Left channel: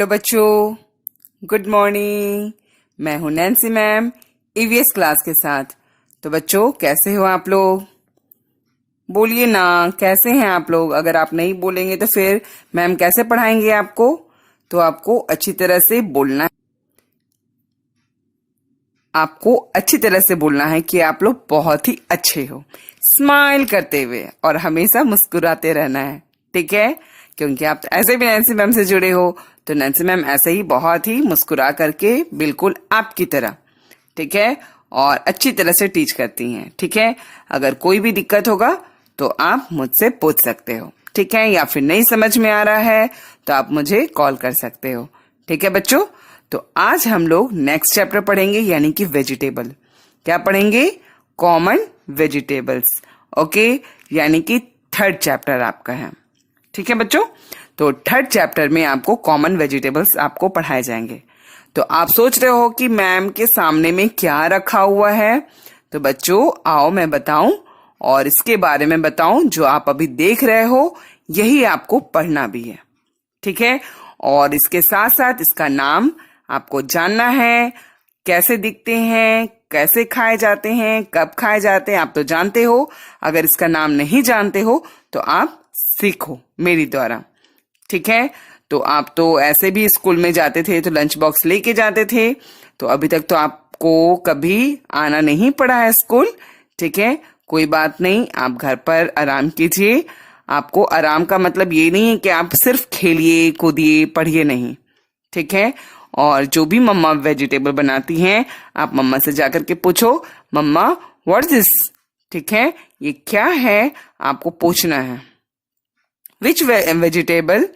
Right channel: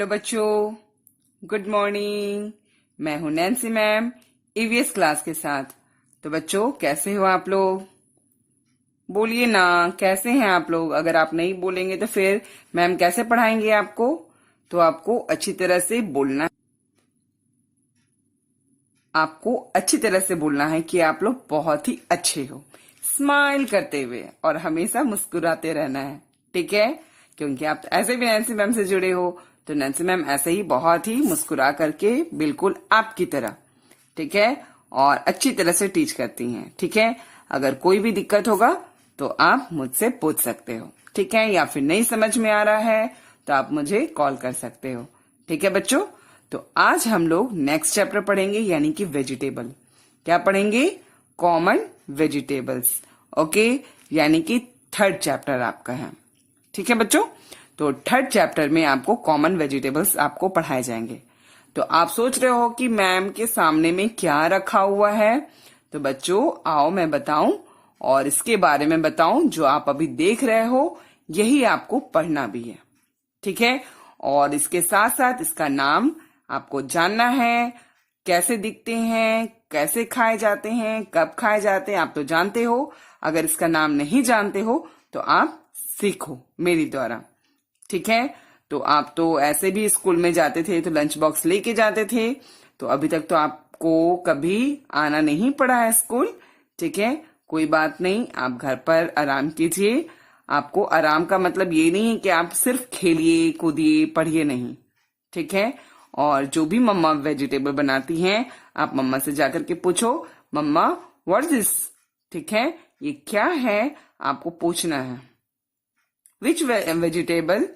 Hello बच्चों, good morning. मैं हूं नैन्सी मैम ईवीएस क्लास के साथ। तो बच्चों, कैसे हो आप लोग? बोलिए ना, कैसे हैं आप लोग? अगर आप नहीं बोलेंगे तो फिर मैम कैसे पढ़ाएंगे आपको? तो आपको अच्छी तरह से बोलना है। आपको अच्छी तरह से बोलना है कि आप लोग बहुत ही अच्छे हो, स्माइल करते हुए और हमेशा मुस्कुराते रहना है। ठीक है? क्योंकि आप ऐसे भी नैन्सी मैम से जुड़े हो, तो नैन्सी मैम ऐसे ही बहुत ही मुस्कुरा करके बिल्कुल आपकी तरह, ठीक है, और अच्छी तरह से टीच करती हैं। ठीक है? अगर कोई भी दिक्कत होगा तो आप मुझसे पूछ सकते हो। ठीक है? या फिर नहीं समझ में आ रहा है तो आप मुझे कॉल कर सकते हो। ठीक है बच्चों? तो आज हम लोग नेक्स्ट चैप्टर पढ़ेंगे, यानी कि वेजिटेबल। क्या पढ़ेंगे? Common vegetables. ओके, यानी कि थर्ड चैप्टर आपका है। ठीक है बच्चों? तो थर्ड चैप्टर में आपको कॉमन वेजिटेबल्स आपको पढ़ाए जाएंगे। तो आप सोच रहे हो कि मैम के सामने में क्या रखा हुआ है? तो बच्चों आओ मैं बताऊं, और इसके बारे में बताऊं जो आप अभी देख रहे हो, यही आपको पढ़ना भी है। ठीक है? और इसके साथ साथ इसका नाम आपको जानना है। कैसे दिखते हैं, कैसे खाए जाते हैं, कब खाए जाते हैं, आप तो जानते हो। अगर इसका नाम नहीं जानते हो तो आप सीखो मेरी द्वारा। ठीक है? तो आप तो ऐसे भी स्कूल में जाते थे तो लंच बॉक्स लेके जाते थे, तो अभी तक तो आपको कभी आना नहीं पड़ा है स्कूल। ठीक है? कोई बात नहीं, आप घर पर आराम कीजिए। आपको आराम का मतलब ये नहीं है कि आप सिर्फ खेलिए कूदिए पढ़िए, नहीं। ठीक है? और जो भी मम्मा वेजिटेबल बनाती हैं, आप मम्मा से जाकर के पूछो, मम्मा व्हाट इज दिस? ठीक है? ये क्या है, आपको पूछना है। Which vegetable?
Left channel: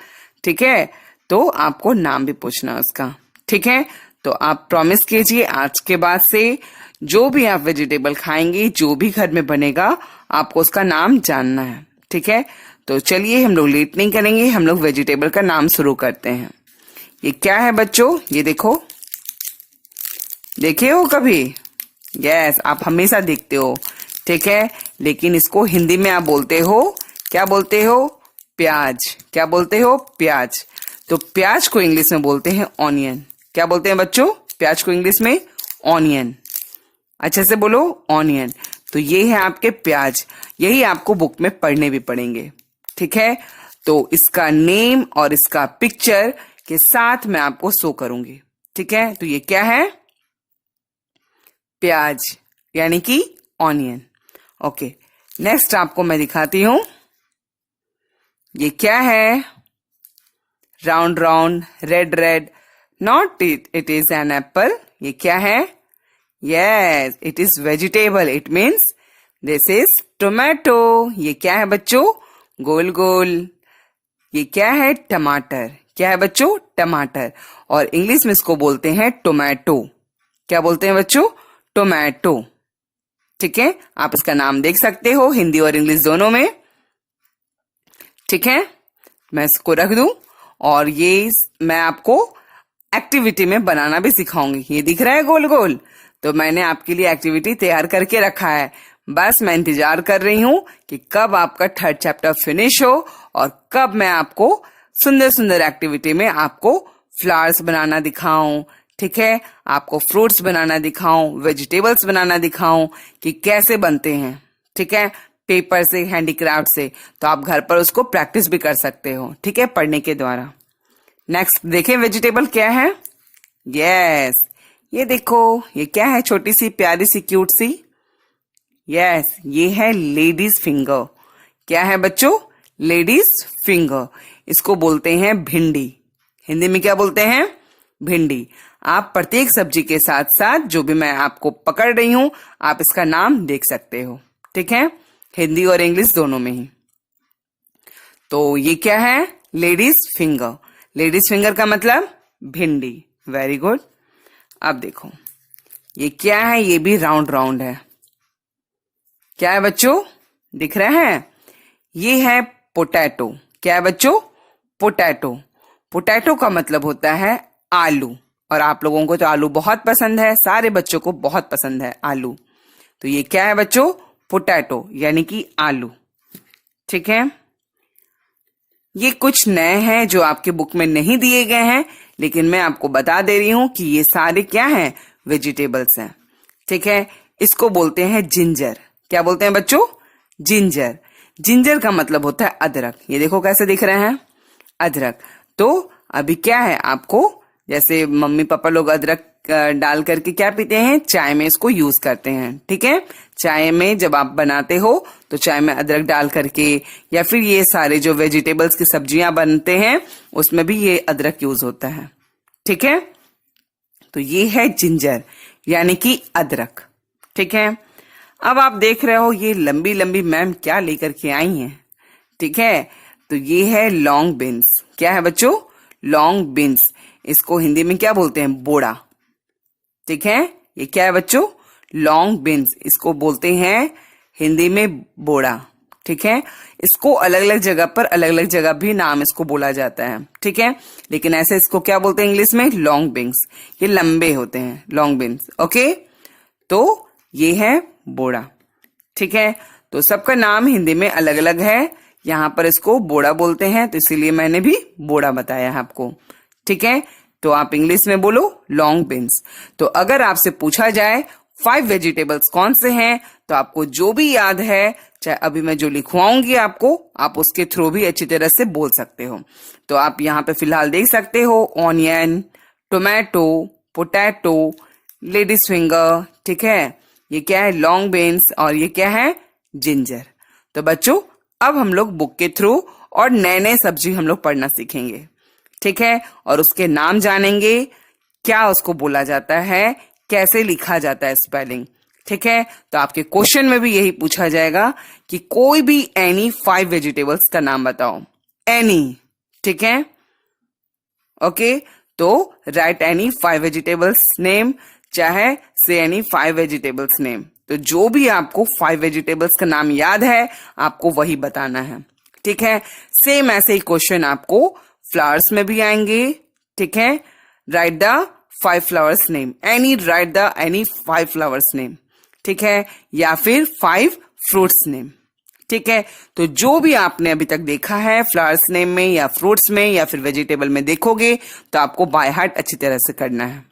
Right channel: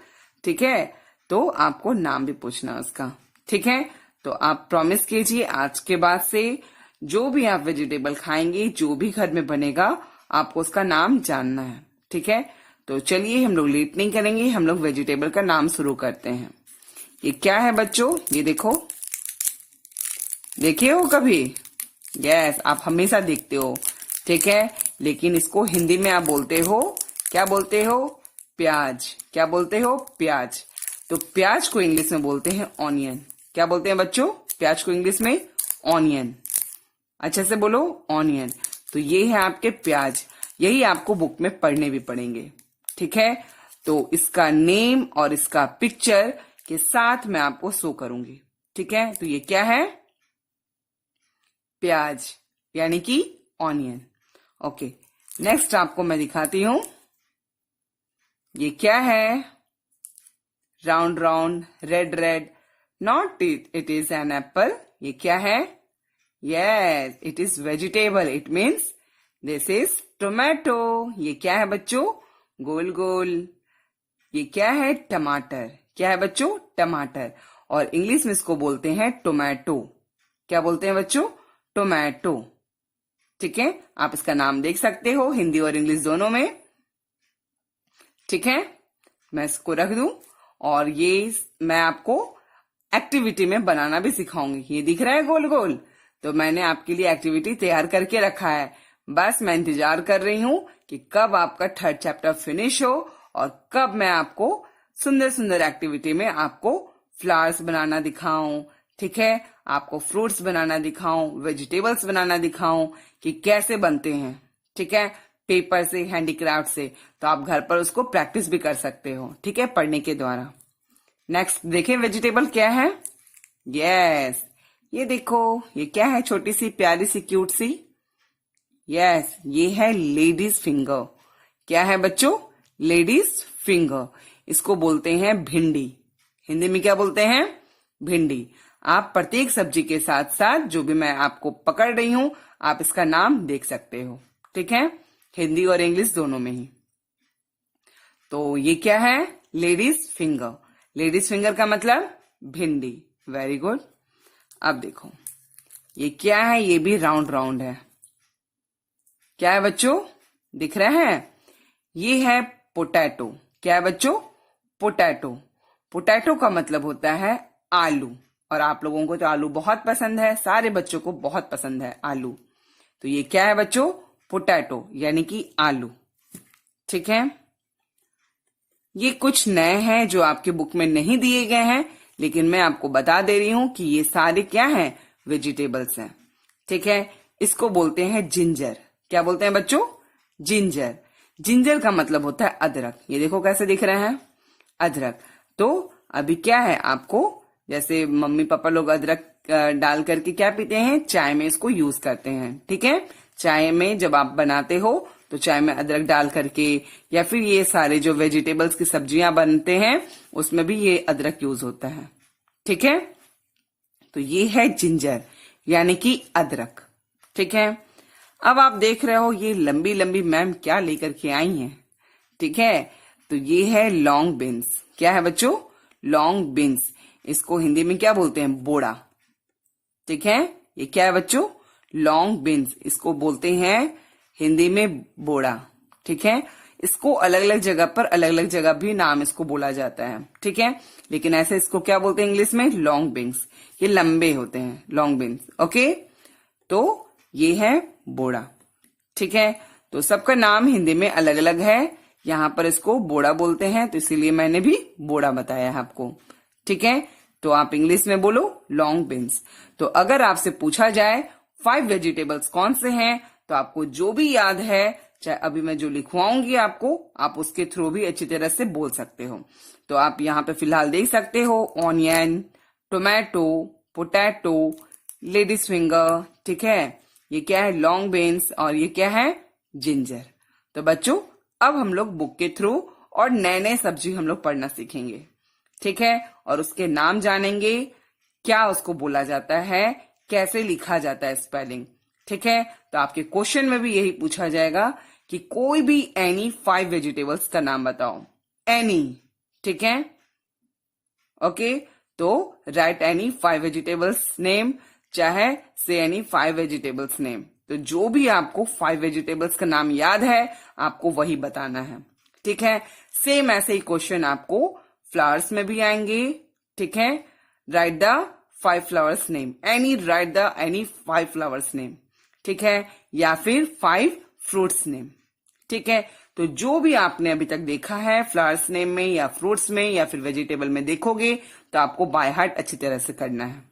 ठीक है? तो आपको नाम भी पूछना है उसका। ठीक है? तो आप प्रॉमिस कीजिए आज के बाद से जो भी आप वेजिटेबल खाएंगे, जो भी घर में बनेगा, आपको उसका नाम जानना है। ठीक है? तो चलिए हम लोग लेट नहीं करेंगे, हम लोग वेजिटेबल का नाम शुरू करते हैं। ये क्या है बच्चों? ये देखो, देखे हो कभी? यस, आप हमेशा देखते हो। ठीक है? लेकिन इसको हिंदी में आप बोलते हो, क्या बोलते हो? प्याज। क्या बोलते हो? प्याज। तो प्याज को इंग्लिश में बोलते हैं ऑनियन। क्या बोलते हैं बच्चों? प्याज को इंग्लिश में ऑनियन। अच्छे से बोलो, ऑनियन। तो ये है आपके प्याज। यही आपको बुक में पढ़ने भी पड़ेंगे। ठीक है? तो इसका नेम और इसका पिक्चर के साथ मैं आपको शो करूंगी। ठीक है? तो ये क्या है? प्याज, यानी कि ऑनियन। ओके, नेक्स्ट आपको मैं दिखाती हूं। ये क्या है? Round round, red red, not it is an apple. ये क्या है? Yes, it is vegetable, it means this is tomato. ये क्या है बच्चों? गोल गोल। ये क्या है? टमाटर। क्या है बच्चों? टमाटर। और इंग्लिश में इसको बोलते हैं टोमेटो। क्या बोलते हैं बच्चों? टोमेटो। ठीक है? आप इसका नाम देख सकते हो हिंदी और इंग्लिश दोनों में। ठीक है? मैं इसको रख दूं, और ये मैं आपको एक्टिविटी में बनाना भी सिखाऊंगी। ये दिख रहा है गोल गोल? तो मैंने आपके लिए एक्टिविटी तैयार करके रखा है। बस मैं इंतजार कर रही हूं कि कब आपका थर्ड चैप्टर फिनिश हो और कब मैं आपको सुंदर सुंदर एक्टिविटी में आपको फ्लावर्स बनाना दिखाऊं। ठीक है? आपको फ्रूट्स बनाना दिखाऊं, वेजिटेबल्स बनाना दिखाऊं कि कैसे बनते हैं। ठीक है? पेपर से, हैंडीक्राफ्ट से। तो आप घर पर उसको प्रैक्टिस भी कर सकते हो। ठीक है? पढ़ने के द्वारा। नेक्स्ट देखें, वेजिटेबल क्या है? यस, ये देखो, ये क्या है? छोटी सी प्यारी सी क्यूट सी। यस, ये है लेडीज फिंगर। क्या है बच्चों? Ladies finger. इसको बोलते हैं भिंडी। हिंदी में क्या बोलते हैं? भिंडी। आप प्रत्येक सब्जी के साथ साथ जो भी मैं आपको पकड़ रही हूं, आप इसका नाम देख सकते हो। ठीक है? हिंदी और इंग्लिश दोनों में ही। तो ये क्या है? Ladies finger. लेडीज फिंगर का मतलब भिंडी। Very good. अब देखो, ये क्या है? ये भी राउंड राउंड है। क्या है बच्चों? दिख रहा है? ये है पोटैटो। क्या है बच्चों? पोटैटो। पोटैटो का मतलब होता है आलू। और आप लोगों को तो आलू बहुत पसंद है, सारे बच्चों को बहुत पसंद है आलू। तो ये क्या है बच्चों? पोटैटो, यानी कि आलू। ठीक है? ये कुछ नए हैं जो आपके बुक में नहीं दिए गए हैं, लेकिन मैं आपको बता दे रही हूं कि ये सारे क्या हैं, वेजिटेबल्स हैं। ठीक है, इसको बोलते हैं जिंजर। क्या बोलते हैं बच्चों, जिंजर। जिंजर का मतलब होता है अदरक। ये देखो कैसे दिख रहे हैं, अदरक। तो अभी क्या है, आपको जैसे मम्मी पापा लोग अदरक डाल करके क्या पीते हैं, चाय में इसको यूज करते हैं। ठीक है, चाय में जब आप बनाते हो तो चाय में अदरक डाल करके, या फिर ये सारे जो वेजिटेबल्स की सब्जियां बनते हैं उसमें भी ये अदरक यूज होता है। ठीक है, तो ये है जिंजर यानी कि अदरक। ठीक है, अब आप देख रहे हो ये लंबी लंबी मैम क्या लेकर के आई हैं। ठीक है, तो ये है लॉन्ग बीन्स। क्या है बच्चों, लॉन्ग बीन्स। इसको हिंदी में क्या बोलते हैं, बोड़ा। ठीक है, ये क्या है बच्चों, लॉन्ग बीन्स। इसको बोलते हैं हिंदी में बोड़ा। ठीक है, इसको अलग अलग जगह पर अलग अलग जगह भी नाम इसको बोला जाता है। ठीक है, लेकिन ऐसे इसको क्या बोलते हैं इंग्लिश में, लॉन्ग बीन्स। ये लंबे होते हैं, लॉन्ग बीन्स। ओके, तो ये है बोड़ा। ठीक है, तो सबका नाम हिंदी में अलग अलग है। यहाँ पर इसको बोड़ा बोलते हैं, तो इसीलिए मैंने भी बोड़ा बताया है आपको। ठीक है, तो आप इंग्लिश में बोलो लॉन्ग बीन्स। तो अगर आपसे पूछा जाए 5 वेजिटेबल्स कौन से हैं, तो आपको जो भी याद है, चाहे अभी मैं जो लिखवाऊंगी आपको, आप उसके थ्रू भी अच्छी तरह से बोल सकते हो। तो आप यहाँ पे फिलहाल देख सकते हो onion, tomato, potato, ladies finger. ठीक है, ये क्या है, लॉन्ग बीन्स, और ये क्या है, जिंजर। तो बच्चों अब हम लोग बुक के थ्रू और नए नए सब्जी हम लोग पढ़ना सीखेंगे। ठीक है, और उसके नाम जानेंगे, क्या उसको बोला जाता है, कैसे लिखा जाता है, स्पेलिंग। ठीक है, तो आपके क्वेश्चन में भी यही पूछा जाएगा कि कोई भी एनी 5 वेजिटेबल्स का नाम बताओ, एनी। ठीक है, ओके, तो राइट एनी 5 वेजिटेबल्स नेम, चाहे से एनी 5 वेजिटेबल्स नेम। तो जो भी आपको 5 वेजिटेबल्स का नाम याद है आपको वही बताना है। ठीक है, सेम ऐसे ही क्वेश्चन आपको फ्लावर्स में भी आएंगे। ठीक है, right the 5 flowers name, any right the any 5 flowers name. ठीक है, या फिर 5 फ्रूट्स नेम। ठीक है, तो जो भी आपने अभी तक देखा है फ्लावर्स नेम में या फ्रूट्स में या फिर वेजिटेबल में देखोगे तो आपको बाय हार्ट अच्छी तरह से करना है।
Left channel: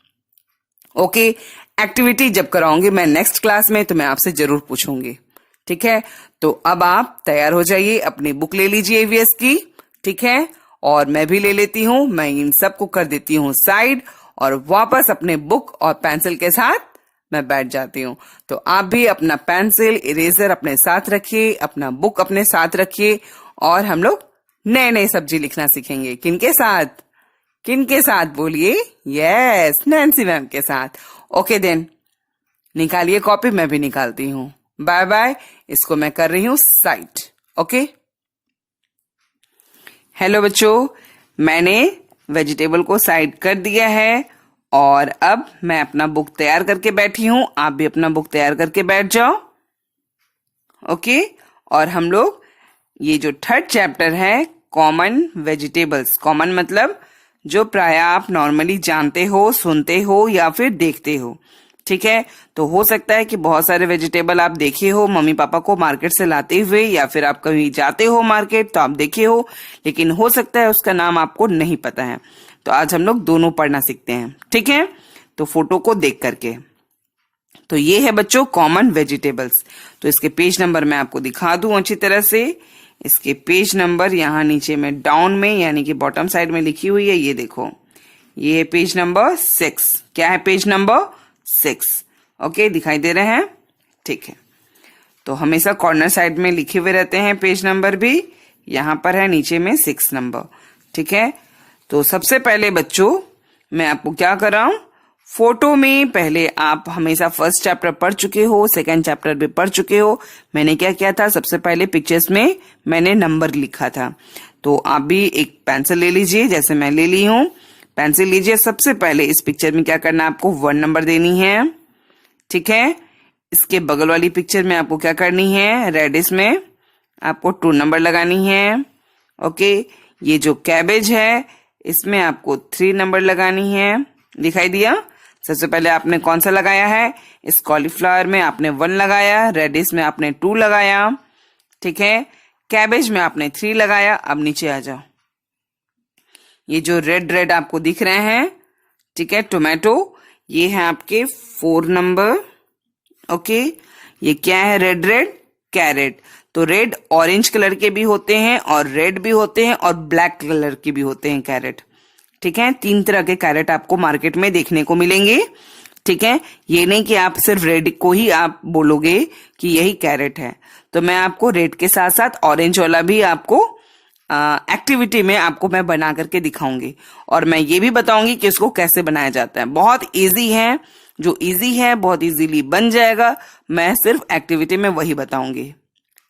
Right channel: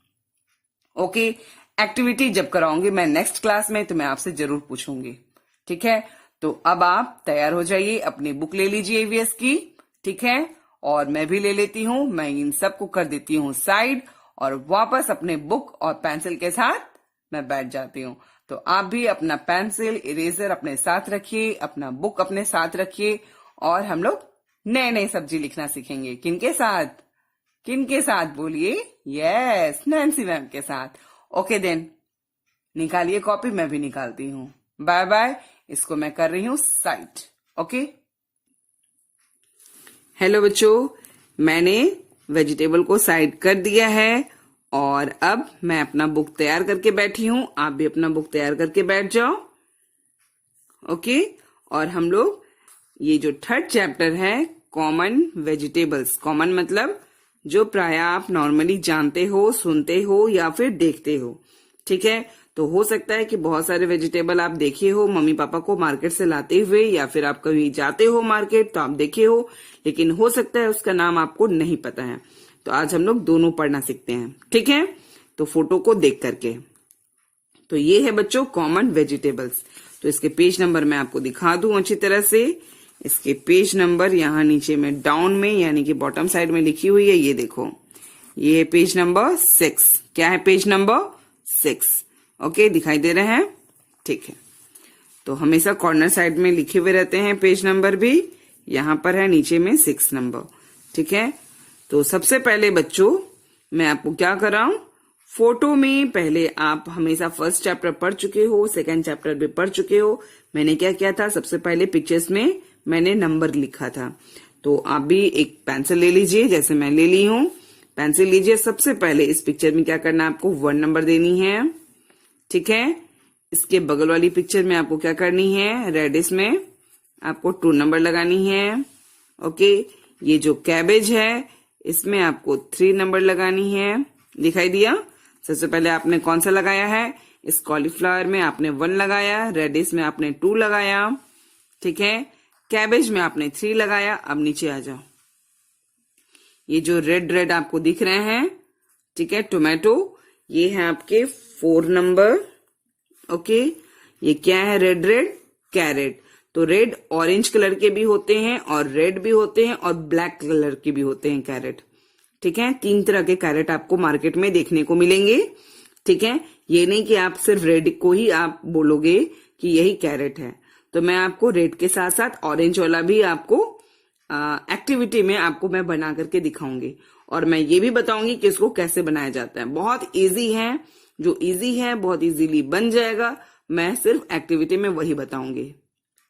ओके, एक्टिविटी जब कराऊंगी मैं नेक्स्ट क्लास में तो मैं आपसे जरूर पूछूंगी। ठीक है, तो अब आप तैयार हो जाइए, अपनी बुक ले लीजिए ईवीएस की। ठीक है, और मैं भी ले लेती हूँ, मैं इन सबको कर देती हूँ साइड और वापस अपने बुक और पेंसिल के साथ मैं बैठ जाती हूँ। तो आप भी अपना पेंसिल, इरेजर अपने साथ रखिए, अपना बुक अपने साथ रखिए, और हम लोग नए नए सब्जी लिखना सीखेंगे। किनके साथ, किनके साथ बोलिए, यस, नैन्सी मैम के साथ। ओके देन, निकालिए कॉपी, मैं भी निकालती हूँ। बाय बाय, इसको मैं कर रही हूँ साइड। ओके, हेलो बच्चों, मैंने वेजिटेबल को साइड कर दिया है और अब मैं अपना बुक तैयार करके बैठी हूँ। आप भी अपना बुक तैयार करके बैठ जाओ। ओके, और हम लोग ये जो 3rd चैप्टर है, कॉमन वेजिटेबल्स, कॉमन मतलब जो प्राय आप नॉर्मली जानते हो, सुनते हो या फिर देखते हो। ठीक है, तो हो सकता है कि बहुत सारे वेजिटेबल आप देखे हो मम्मी पापा को मार्केट से लाते हुए, या फिर आप कभी जाते हो मार्केट तो आप देखे हो, लेकिन हो सकता है उसका नाम आपको नहीं पता है। तो आज हम लोग दोनों पढ़ना सीखते हैं। ठीक है, तो फोटो को देख करके, तो ये है बच्चों कॉमन वेजिटेबल्स। तो इसके पेज नंबर मैं आपको दिखा दूं अच्छी तरह से। इसके पेज नंबर यहाँ नीचे में डाउन में यानी कि बॉटम साइड में लिखी हुई है, ये देखो, ये है पेज नंबर 6। क्या है, पेज नंबर 6। ओके, दिखाई दे रहे हैं। ठीक है, तो हमेशा कॉर्नर साइड में लिखे हुए रहते हैं पेज नंबर भी, यहाँ पर है नीचे में 6 नंबर। ठीक है, तो सबसे पहले बच्चों मैं आपको क्या कर रहा हूं, फोटो में पहले आप हमेशा 1st चैप्टर पढ़ चुके हो, 2nd चैप्टर भी पढ़ चुके हो। मैंने क्या किया था, सबसे पहले पिक्चर्स में मैंने नंबर लिखा था। तो आप भी एक पेंसिल ले लीजिए, जैसे मैं ले ली हूँ। पेंसिल लीजिए, सबसे पहले इस पिक्चर में क्या करना है, आपको 1 नंबर देनी है। ठीक है, इसके बगल वाली पिक्चर में आपको क्या करनी है, रेडिश में आपको 2 नंबर लगानी है। ओके, ये जो कैबेज है इसमें आपको 3 नंबर लगानी है। दिखाई दिया, सबसे पहले आपने कौन सा लगाया है, इस कॉलीफ्लावर में आपने 1 लगाया, रेडिश में आपने 2 लगाया। ठीक है, कैबेज में आपने 3 लगाया। अब नीचे आ जाओ, ये जो रेड रेड आपको दिख रहे हैं, ठीक है, टोमेटो, ये है आपके 4 नंबर। ओके, ये क्या है? Red red carrot. तो रेड ऑरेंज कलर के भी होते हैं और रेड भी होते हैं और ब्लैक कलर के भी होते हैं कैरेट। ठीक है, 3 तरह के कैरेट आपको मार्केट में देखने को मिलेंगे। ठीक है, ये नहीं कि आप सिर्फ रेड को ही आप बोलोगे कि यही कैरेट है। तो मैं आपको रेड के साथ साथ ऑरेंज वाला भी आपको एक्टिविटी में आपको मैं बना करके दिखाऊंगी और मैं ये भी बताऊंगी कि इसको कैसे बनाया जाता है। बहुत इजी है, जो इजी है बहुत इजीली बन जाएगा। मैं सिर्फ एक्टिविटी में वही बताऊंगी।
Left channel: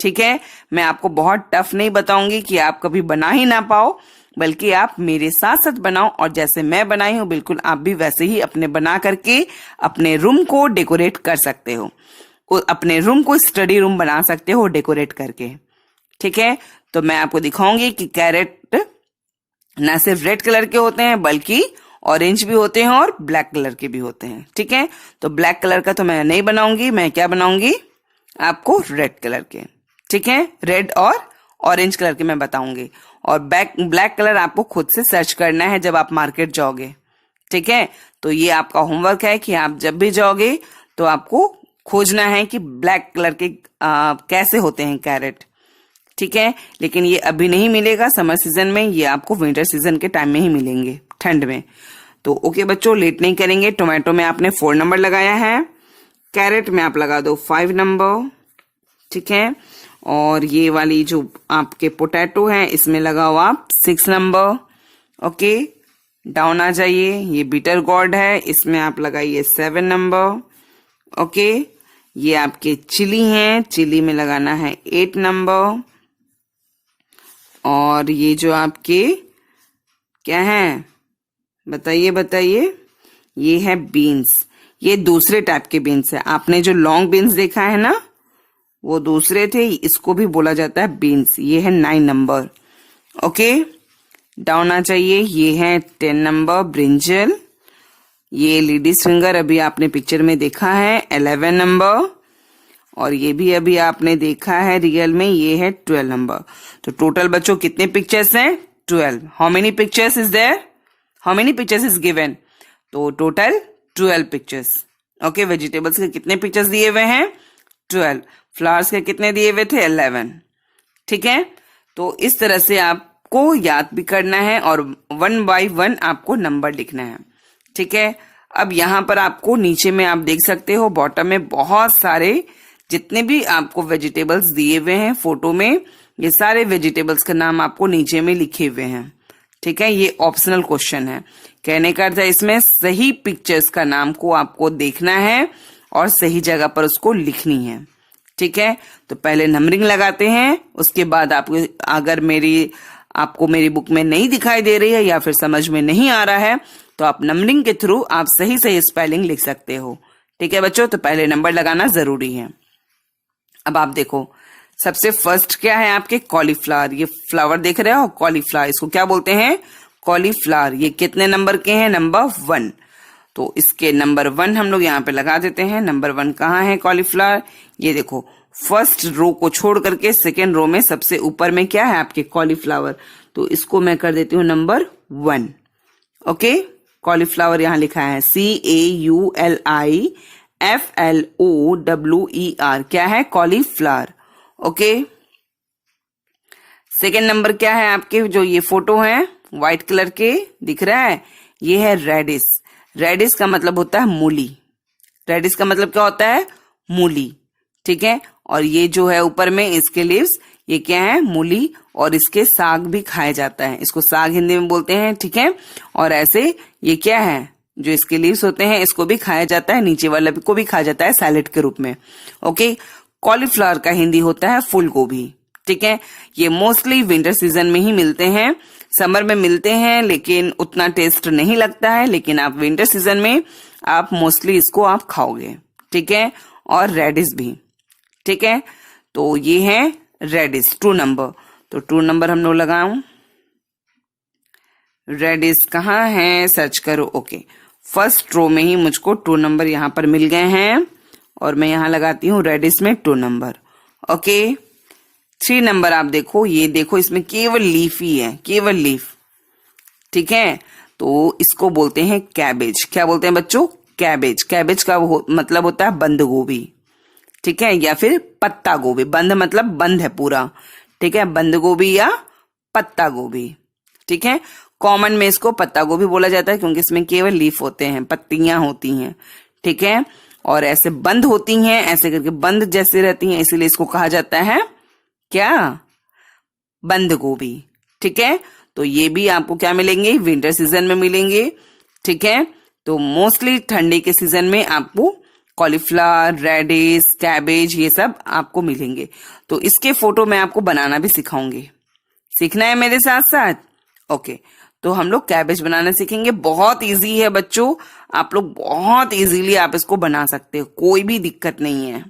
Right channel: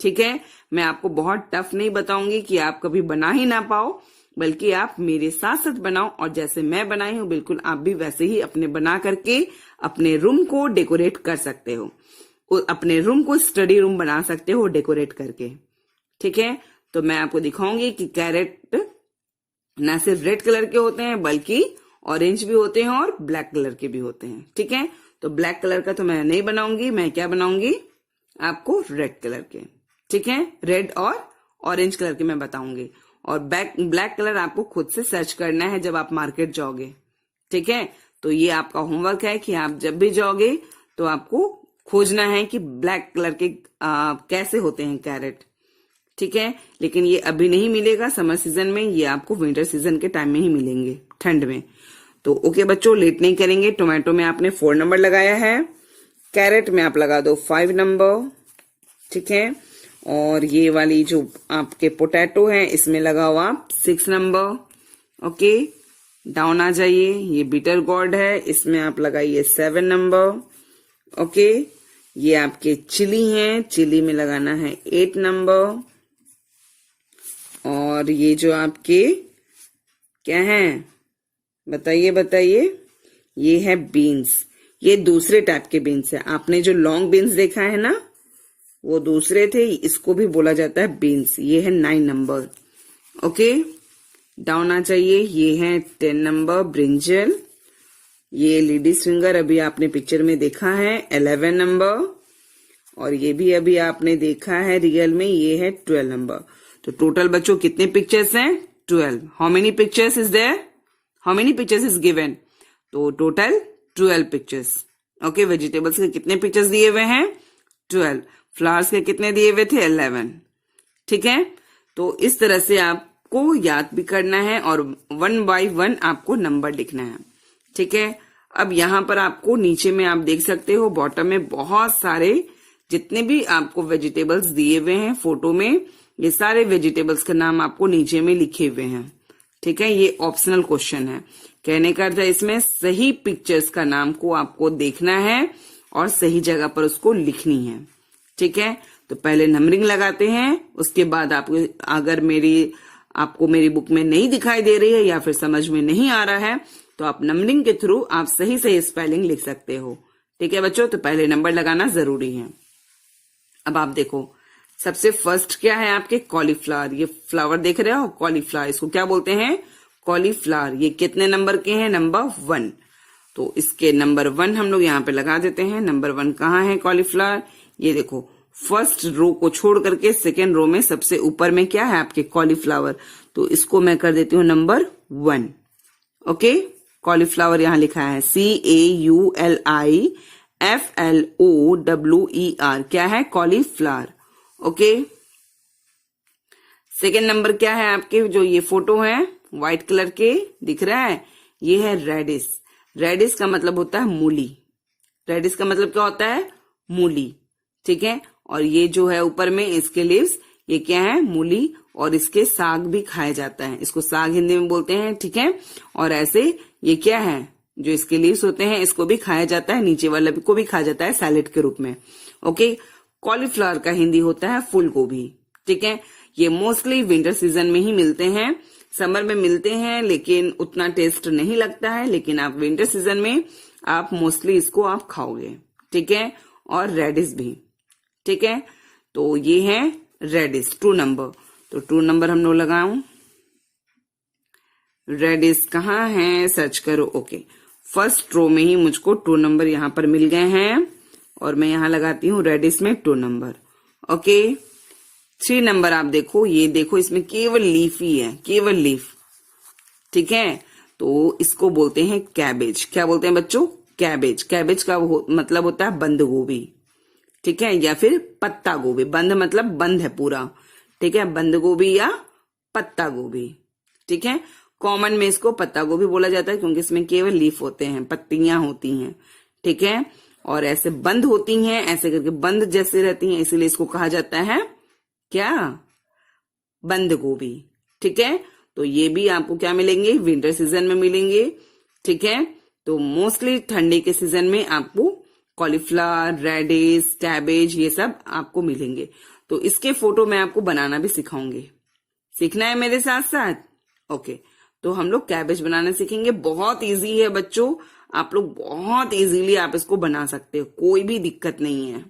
ठीक है, मैं आपको बहुत टफ नहीं बताऊंगी कि आप कभी बना ही ना पाओ, बल्कि आप मेरे साथ साथ बनाओ और जैसे मैं बनाई हूं बिल्कुल आप भी वैसे ही अपने बना करके अपने रूम को डेकोरेट कर सकते हो। अपने रूम को स्टडी रूम बना सकते हो डेकोरेट करके। ठीक है, तो मैं आपको दिखाऊंगी कि कैरेट ना सिर्फ रेड कलर के होते हैं बल्कि ऑरेंज भी होते हैं और ब्लैक कलर के भी होते हैं। ठीक है, तो ब्लैक कलर का तो मैं नहीं बनाऊंगी, मैं क्या बनाऊंगी आपको रेड कलर के। ठीक है, रेड और ऑरेंज कलर के मैं बताऊंगी और ब्लैक कलर आपको खुद से सर्च करना है जब आप मार्केट जाओगे। ठीक है, तो ये आपका होमवर्क है कि आप जब भी जाओगे तो आपको खोजना है कि ब्लैक कलर के कैसे होते हैं कैरेट। ठीक है, लेकिन ये अभी नहीं मिलेगा समर सीजन में, ये आपको विंटर सीजन के टाइम में ही मिलेंगे, ठंड में। तो ओके बच्चों, लेट नहीं करेंगे। टोमेटो में आपने 4 नंबर लगाया है, कैरेट में आप लगा दो 5 नंबर। ठीक है, और ये वाली जो आपके पोटैटो है इसमें लगाओ आप 6 नंबर। ओके, डाउन आ जाइए। ये बीटर गॉर्ड है, इसमें आप लगाइए 7 नंबर। ओके, ये आपके चिली हैं, चिली में लगाना है 8 नंबर। और ये जो आपके क्या है बताइए बताइए, ये है बीन्स। ये दूसरे टाइप के बीन्स है। आपने जो लॉन्ग बीन्स देखा है ना वो दूसरे थे, इसको भी बोला जाता है बीन्स। ये है 9 नंबर। ओके, डाउन आ जाइए। ये है 10 नंबर ब्रिंजल। ये लेडीज फिंगर अभी आपने पिक्चर में देखा है 11 नंबर। और ये भी अभी आपने देखा है रियल में, ये है 12 नंबर। तो टोटल बच्चों कितने पिक्चर्स हैं? 12। How many pictures is there? How many pictures is given? तो टोटल 12 पिक्चर्स। ओके, वेजिटेबल्स के कितने पिक्चर्स दिए हुए हैं? 12। फ्लावर्स के कितने दिए हुए थे? 11। ठीक है, तो इस तरह से आपको याद भी करना है और 1 बाय 1 आपको नंबर लिखना है। ठीक है, अब यहाँ पर आपको नीचे में आप देख सकते हो बॉटम में बहुत सारे जितने भी आपको वेजिटेबल्स दिए हुए हैं फोटो में, ये सारे वेजिटेबल्स का नाम आपको नीचे में लिखे हुए हैं। ठीक है, ये ऑप्शनल क्वेश्चन है। कहने का अर्थ है इसमें सही पिक्चर्स का नाम को आपको देखना है और सही जगह पर उसको लिखनी है। ठीक है, तो पहले नंबरिंग लगाते हैं, उसके बाद आपको अगर आपको मेरी बुक में नहीं दिखाई दे रही है या फिर समझ में नहीं आ रहा है तो आप नंबरिंग के थ्रू आप सही सही स्पेलिंग लिख सकते हो। ठीक है बच्चों, तो पहले नंबर लगाना जरूरी है। अब आप देखो, सबसे फर्स्ट क्या है आपके? कॉलीफ्लावर। ये फ्लावर देख रहे हो, कॉलीफ्लावर, इसको क्या बोलते हैं? कॉलीफ्लावर। ये कितने नंबर के हैं? नंबर 1। तो इसके नंबर 1 हम लोग यहाँ पे लगा देते हैं। नंबर 1 कहाँ है कॉलीफ्लावर? ये देखो, फर्स्ट रो को छोड़ करके सेकेंड रो में सबसे ऊपर में क्या है आपके? कॉलीफ्लावर। तो इसको मैं कर देती हूँ नंबर 1। ओके, कॉलीफ्लावर यहाँ लिखा है CAULIFLOWER। क्या है? कॉलीफ्लावर। ओके, सेकेंड नंबर क्या है आपके? जो ये फोटो है व्हाइट कलर के दिख रहा है, ये है रेडिश। रेडिश का मतलब होता है मूली। रेडिश का मतलब क्या होता है? मूली। ठीक है, और ये जो है ऊपर में इसके लीव्स, ये क्या है? मूली। और इसके साग भी खाया जाता है, इसको साग हिंदी में बोलते हैं। ठीक है, और ऐसे ये क्या है? जो इसके लीव्स होते हैं इसको भी खाया जाता है, नीचे वाला को भी खाया जाता है सैलेड के रूप में। ओके, कॉलीफ्लावर का हिंदी होता है फूल गोभी। ठीक है, ये मोस्टली विंटर सीजन में ही मिलते हैं, समर में मिलते हैं लेकिन उतना टेस्ट नहीं लगता है, लेकिन आप विंटर सीजन में आप मोस्टली इसको आप खाओगे। ठीक है, और रेडिश भी। ठीक है, तो ये है रेडिश 2 नंबर। तो 2 नंबर हम लोग लगाऊं। रेडिश कहाँ है? सर्च करो। ओके, फर्स्ट रो में ही मुझको 2 नंबर यहाँ पर मिल गए हैं और मैं यहाँ लगाती हूँ रेडिश में 2 नंबर। ओके, 3 नंबर आप देखो, ये देखो इसमें केवल लीफ ही है, केवल लीफ। ठीक है, तो इसको बोलते हैं कैबेज। क्या बोलते हैं बच्चों? कैबेज। कैबेज का मतलब होता है बंद गोभी, ठीक है, या फिर पत्ता गोभी। बंद मतलब बंद है पूरा, ठीक है, बंद गोभी या पत्ता गोभी, ठीक है। कॉमन में इसको पत्ता गोभी बोला जाता है क्योंकि इसमें केवल लीफ होते हैं, पत्तियां होती हैं, ठीक है, और ऐसे बंद होती हैं, ऐसे करके बंद जैसे रहती हैं, इसीलिए इसको कहा जाता है क्या? बंद गोभी, ठीक है। तो ये भी आपको क्या मिलेंगे? विंटर सीजन में मिलेंगे, ठीक है। तो मोस्टली ठंडी के सीजन में आपको कॉलीफ्लावर, रेडिश, कैबेज ये सब आपको मिलेंगे। तो इसके फोटो मैं आपको बनाना भी सिखाऊंगी। सीखना है मेरे साथ साथ? ओके, तो हम लोग कैबेज बनाना सीखेंगे। बहुत इजी है बच्चों, आप लोग बहुत इजीली आप इसको बना सकते हो, कोई भी दिक्कत नहीं है,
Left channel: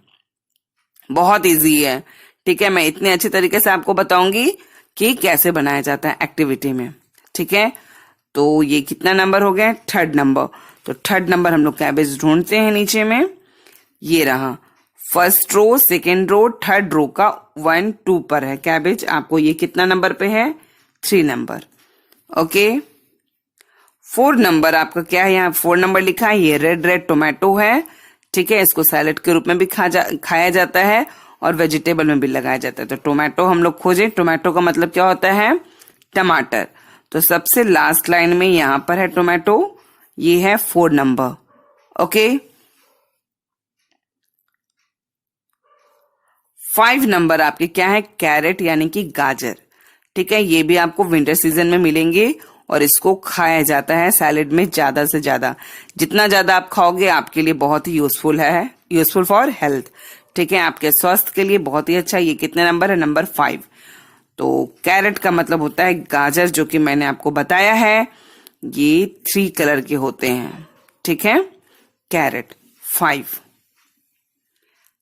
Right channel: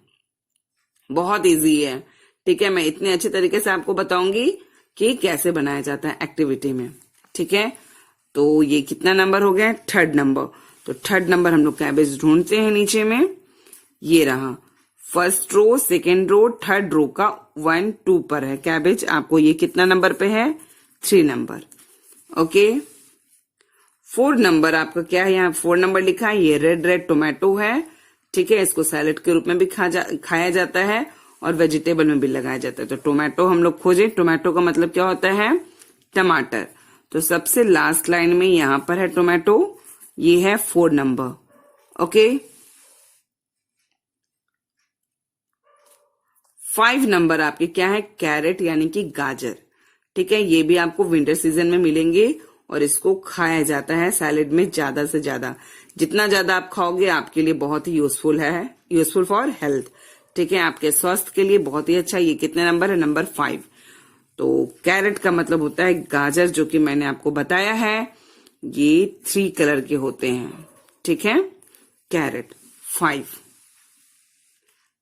बहुत इजी है, ठीक है। मैं इतने अच्छे तरीके से आपको बताऊंगी कि कैसे बनाया जाता है एक्टिविटी में, ठीक है। तो ये कितना नंबर हो गया? 3rd number. तो 3rd नंबर हम लोग कैबेज ढूंढते हैं नीचे में, ये रहा। 1st रो, 2nd रो, 3rd रो का 1 2 पर है कैबेज। आपको ये कितना नंबर पे है? 3 नंबर। ओके, 4 नंबर आपका क्या है? यहाँ 4 नंबर लिखा है, ये रेड टोमेटो है, ठीक है। इसको सैलेड के रूप में भी खाया जाता है और वेजिटेबल में भी लगाया जाता है। तो टोमेटो हम लोग खोजे। टोमेटो का मतलब क्या होता है? टमाटर। तो सबसे लास्ट लाइन में यहां पर है टोमेटो, ये है 4 नंबर। ओके, 5 नंबर आपके क्या है? कैरेट यानी कि गाजर, ठीक है। ये भी आपको विंटर सीजन में मिलेंगे और इसको खाया जाता है सैलेड में ज्यादा से ज्यादा। जितना ज्यादा आप खाओगे आपके लिए बहुत ही यूजफुल है, यूजफुल फॉर हेल्थ, ठीक है, आपके स्वास्थ्य के लिए बहुत ही अच्छा। ये कितने नंबर है? नंबर 5। तो कैरेट का मतलब होता है गाजर, जो कि मैंने आपको बताया है, ये 3 कलर के होते हैं, ठीक है। कैरेट 5।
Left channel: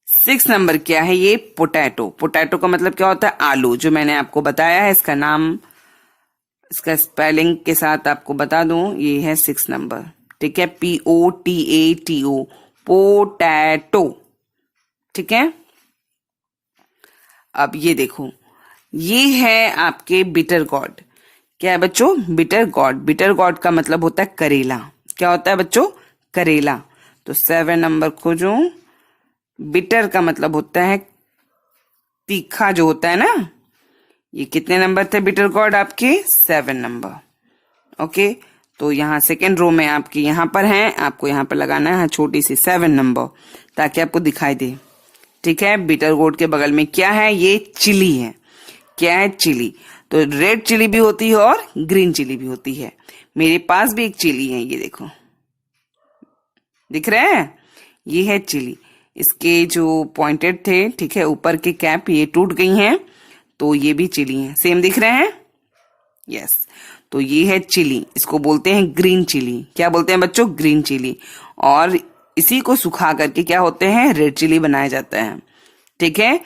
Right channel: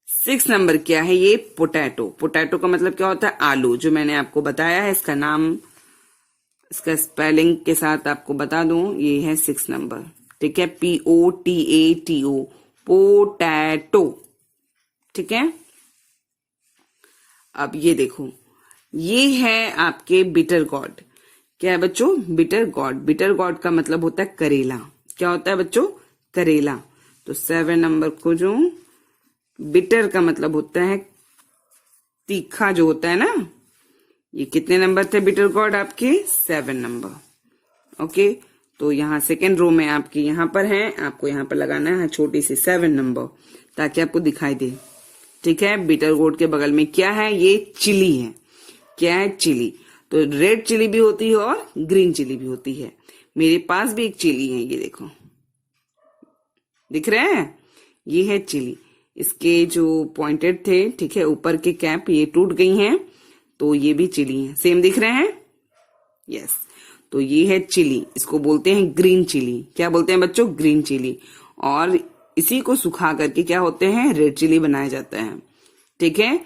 6 नंबर क्या है? ये पोटैटो। पोटैटो का मतलब क्या होता है? आलू, जो मैंने आपको बताया है। इसका नाम, इसका स्पेलिंग के साथ आपको बता दूं, ये है 6 नंबर, ठीक है। POTATO, पोटैटो, ठीक है। अब ये देखो, ये है आपके बिटर गॉड। क्या है बच्चों? Bitter gourd. बिटर गॉड का मतलब होता है करेला। क्या होता है बच्चों? करेला। तो 7 नंबर खोजो। बिटर का मतलब होता है तीखा, जो होता है ना। ये कितने नंबर थे बिटर गॉड आपके? 7 नंबर। ओके, तो यहाँ 2nd रो में आपके यहाँ पर है, आपको यहाँ पर लगाना है छोटी सी 7 नंबर, ताकि आपको दिखाई दे, ठीक है। बिटर गॉड के बगल में क्या है? ये चिली है। क्या है? चिली। तो रेड चिली भी होती है और ग्रीन चिली भी होती है। मेरे पास भी एक चिली है, ये देखो, दिख रहा है? ये है चिली। इसके जो पॉइंटेड थे, ठीक है, ऊपर के कैप ये टूट गई हैं, तो ये भी चिली है। सेम दिख रहे हैं? यस। तो ये है चिली, इसको बोलते हैं ग्रीन चिली। क्या बोलते हैं बच्चों? Green chilli. और इसी को सुखा करके क्या होते हैं? रेड चिली बनाया जाता है, ठीक है।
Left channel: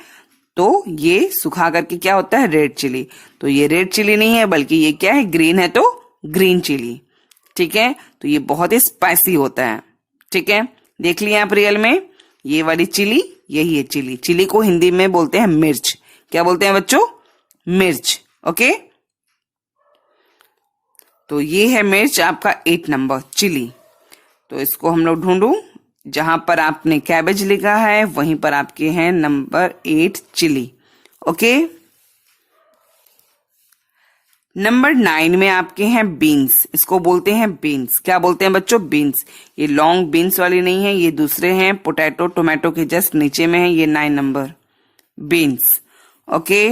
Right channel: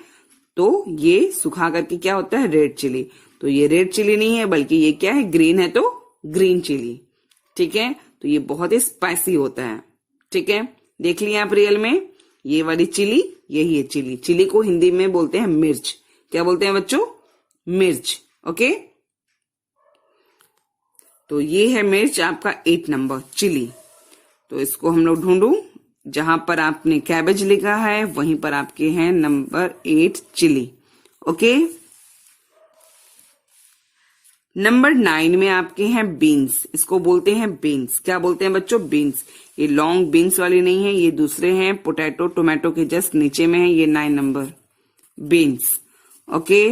तो ये सुखा करके क्या होता है? Red chilli. तो ये रेड चिली नहीं है, बल्कि ये क्या है? ग्रीन है, तो ग्रीन चिली, ठीक है। तो ये बहुत ही स्पाइसी होता है, ठीक है। देख लिया आप रियल में? ये वाली चिली, यही है चिली। चिली को हिंदी में बोलते हैं मिर्च। क्या बोलते हैं बच्चों? मिर्च। ओके, तो ये है मिर्च आपका 8 नंबर, चिली। तो इसको हम लोग ढूंढू, जहां पर आपने कैबेज लिखा है वहीं पर आपके हैं नंबर 8 चिली। ओके, नंबर 9 में आपके हैं बीन्स। इसको बोलते हैं बीन्स। क्या बोलते हैं बच्चों? बीन्स। ये लॉन्ग बीन्स वाली नहीं है, ये दूसरे हैं, पोटैटो टोमेटो के जस्ट नीचे में है, ये 9 नंबर बीन्स। ओके,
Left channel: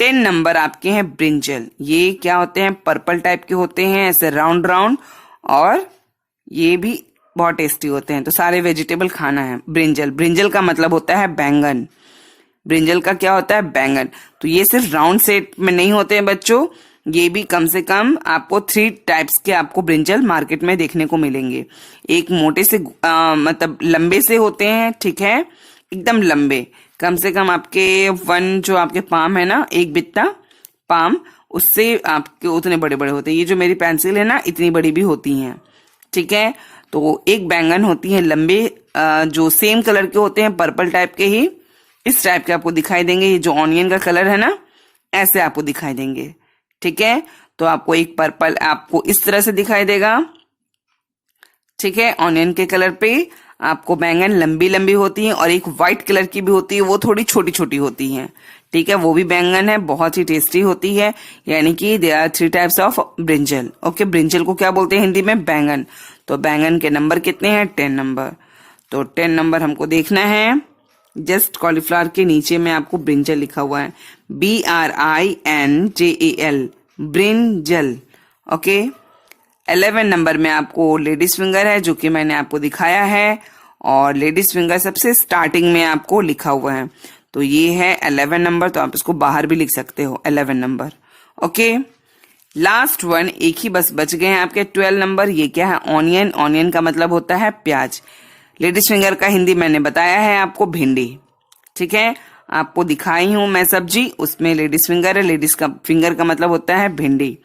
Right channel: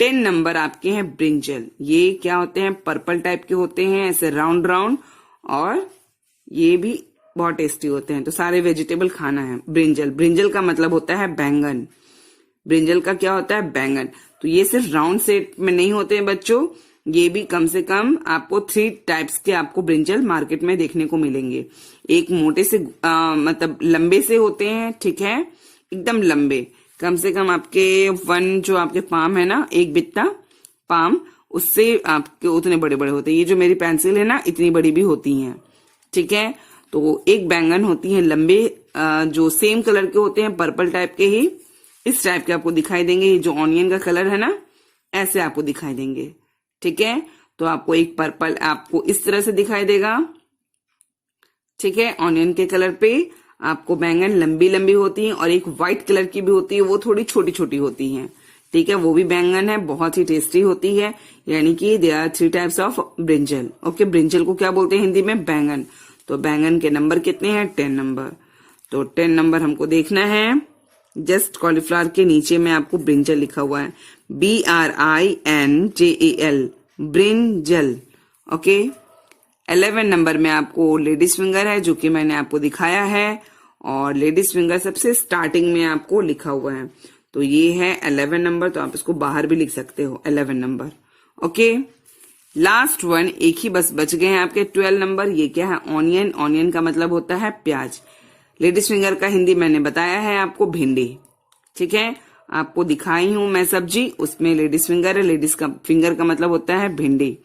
10 नंबर आपके हैं ब्रिंजल। ये क्या होते हैं? पर्पल टाइप के होते हैं, ऐसे राउंड राउंड, और ये भी बहुत टेस्टी होते हैं। तो सारे वेजिटेबल खाना है। ब्रिंजल, ब्रिंजल का मतलब होता है बैंगन। ब्रिंजल का क्या होता है? बैंगन। तो ये सिर्फ राउंड शेप में नहीं होते हैं बच्चों, ये भी कम से कम आपको 3 टाइप्स के आपको ब्रिंजल मार्केट में देखने को मिलेंगे। एक मोटे से मतलब लंबे से होते हैं, ठीक है, एकदम लंबे, कम से कम आपके 1 जो आपके पाम है ना, एक बित्ता पाम, उससे आपके उतने बड़े बड़े होते हैं। ये जो मेरी पेंसिल है ना, इतनी बड़ी भी होती हैं, ठीक है। तो एक बैंगन होती है लंबे, जो सेम कलर के होते हैं, पर्पल टाइप के ही, इस टाइप के आपको दिखाई देंगे। ये जो ऑनियन का कलर है ना, ऐसे आपको दिखाई देंगे, ठीक है। तो आपको एक पर्पल आपको इस तरह से दिखाई देगा। ठीक है, ऑनियन के कलर पे आपको बैंगन लंबी लंबी होती है और एक व्हाइट कलर की भी होती है, वो थोड़ी छोटी छोटी होती है। ठीक है, वो भी बैंगन है, बहुत ही टेस्टी होती है। यानी कि they are 3 types of brinjal. Okay, brinjal को क्या बोलते हैं हिंदी में? बैंगन। तो बैंगन के नंबर कितने हैं? 10 नंबर। तो 10 नंबर हमको देखना है। जस्ट कॉलीफ्लावर के नीचे में आपको ब्रिंजल लिखा हुआ है, BRINJAL, ब्रिंजल। ओके, 11 नंबर में आपको लेडीज फिंगर है, जो कि मैंने आपको दिखाया है, और लेडीज फिंगर सबसे स्टार्टिंग में आपको लिखा हुआ है। तो ये है 11 नंबर, तो आप इसको बाहर भी लिख सकते हो 11 नंबर। ओके, लास्ट वन एक ही बस बच गए हैं आपके 12 नंबर। ये क्या है? ऑनियन। ऑनियन का मतलब होता है प्याज। लेडीज फिंगर का हिंदी मैंने बताया है आपको, भिंडी। ठीक है, आपको दिखाई हूं मैं सब्जी, उसमें लेडीज फिंगर है। लेडीज का फिंगर का मतलब होता है भिंडी।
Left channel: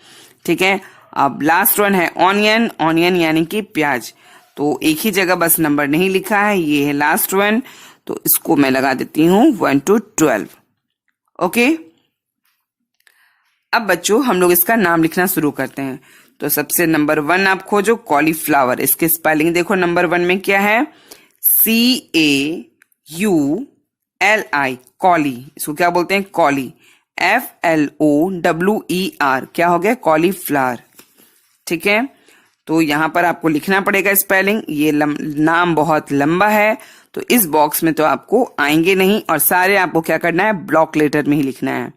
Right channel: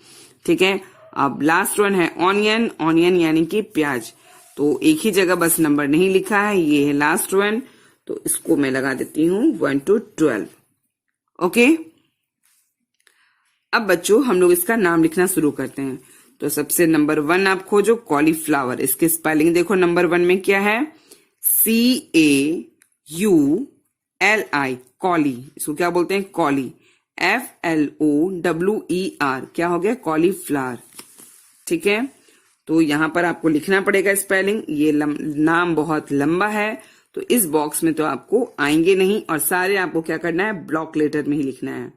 ठीक है, अब लास्ट वन है ऑनियन। ऑनियन यानी कि प्याज। तो एक ही जगह बस नंबर नहीं लिखा है, ये है लास्ट वन। तो इसको मैं लगा देती हूं 1 to 12। ओके, अब बच्चों हम लोग इसका नाम लिखना शुरू करते हैं। तो सबसे नंबर 1 आप खोजो, कॉलीफ्लावर। इसके स्पेलिंग देखो, नंबर 1 में क्या है? CAULI, कॉली। इसको क्या बोलते हैं? कॉली। FLOWER, क्या हो गया? कॉलीफ्लावर। ठीक है, तो यहां पर आपको लिखना पड़ेगा स्पेलिंग। ये नाम बहुत लंबा है, तो इस बॉक्स में तो आपको आएंगे नहीं, और सारे आपको क्या करना है? ब्लॉक लेटर में ही लिखना है।